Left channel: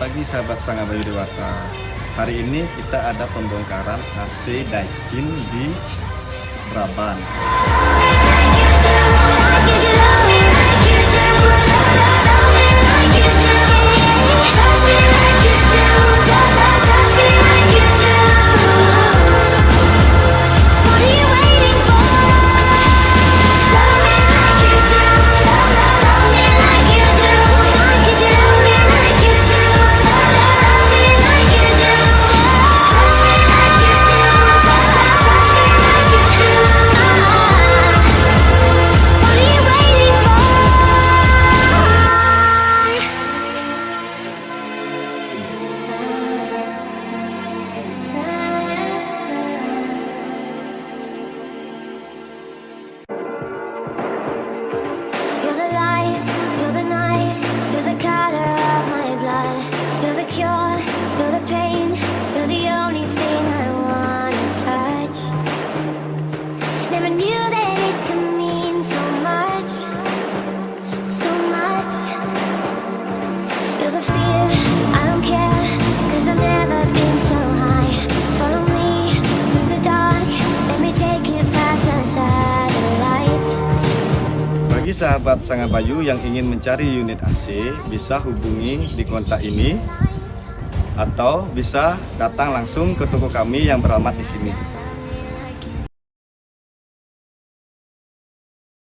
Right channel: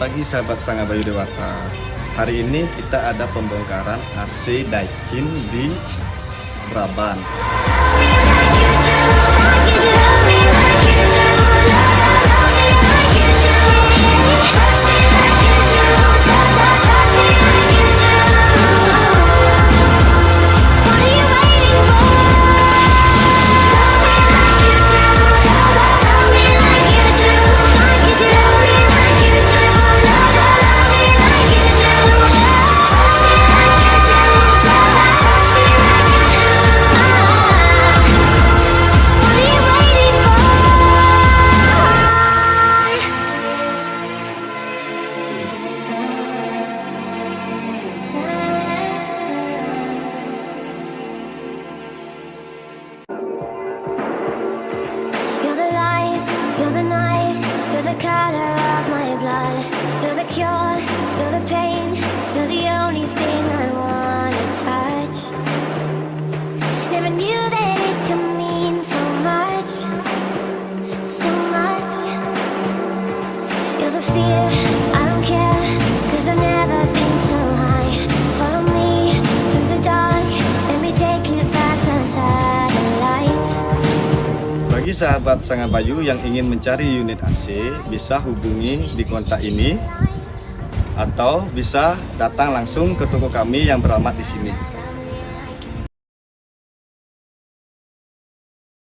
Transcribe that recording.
pagi sahabat Sangga Bayu Dewata. Hari ini kita ada pembongkaran AC Daikin di Braban. You're the light, you're the night, you're the color of my blood. You're the cure, you're the pain, you're the only thing I wanna touch. Never knew that it could mean so much, so much. You're the fear, I don't care, 'cause I've never been so high. Follow me through the dark, let me take you past the satellites. Bagi sahabat Sangga Bayu yang ingin mencari unit AC, bisa hubungi di kontak ini atau bisa datang langsung ke toko kami yang beralamat di sini.